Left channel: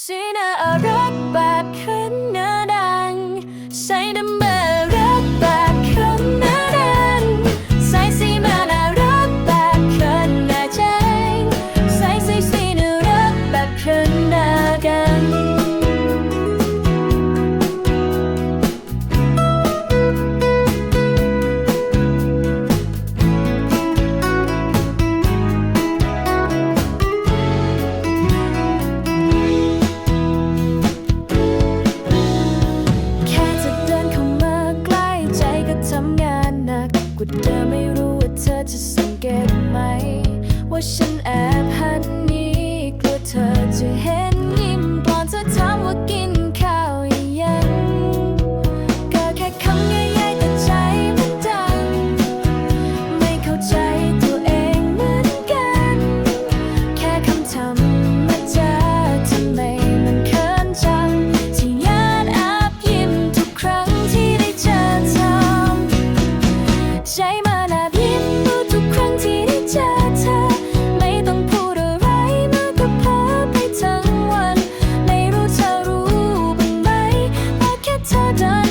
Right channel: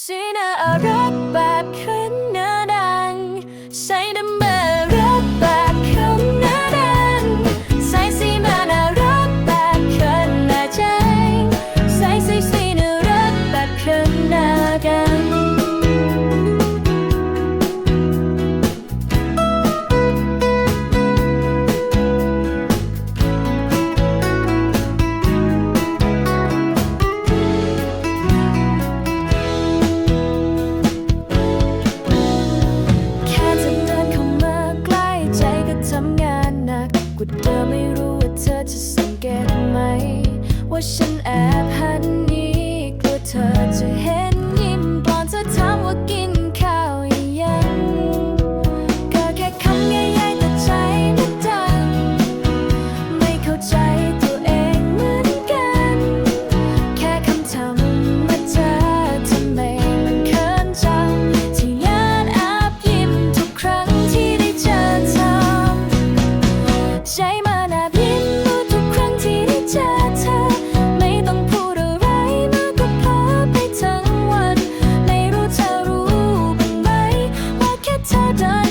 สีหน้ารักแบบขึ้นเนื้อดัง ใส่ดำเบรักแบบขึ้นหน้อดังใส่สีมาน่ารักแบบขึ้นหน้าแจ้งใส่สีสีน่ารักแบบขึ้นหน้ากัน ทำงานหนักกว่าเธอไม่รู้ว่าเธอจะสังเกตไหม ว่าฉันแอบหันนี้กลัวเธอจะเห็น her down.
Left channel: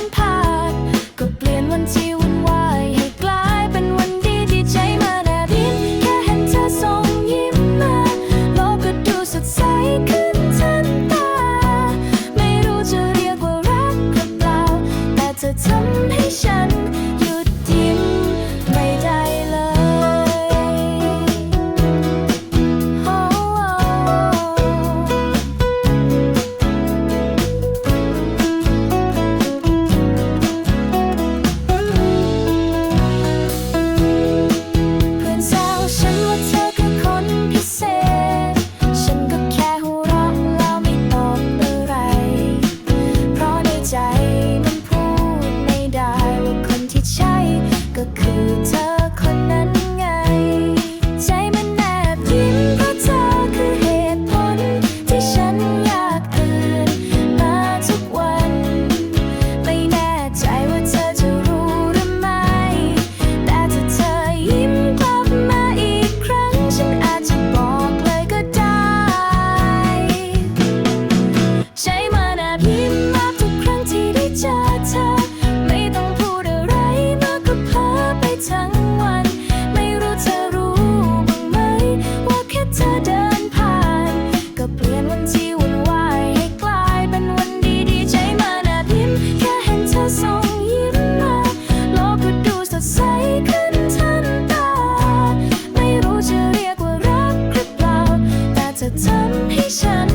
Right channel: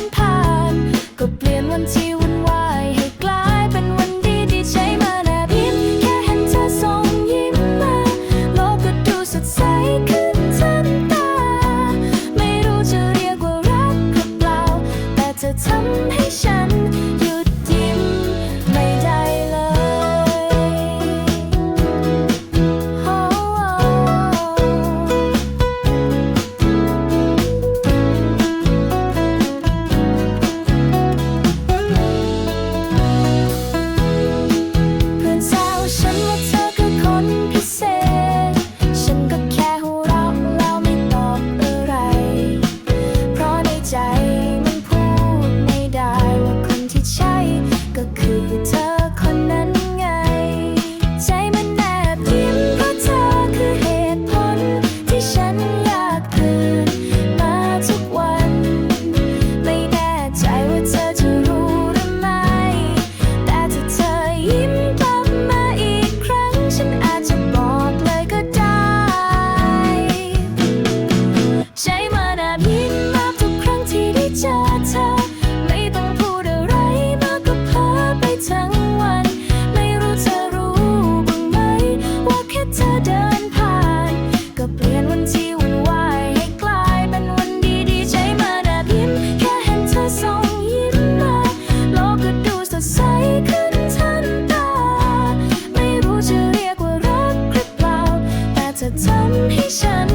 คือเธอคนนั้นไง ใจมันแนบยิ้มเพราะเธอคือเหตุผล ที่ฉันอยากตื่นมาทุกวัน จะทำให้ฉัน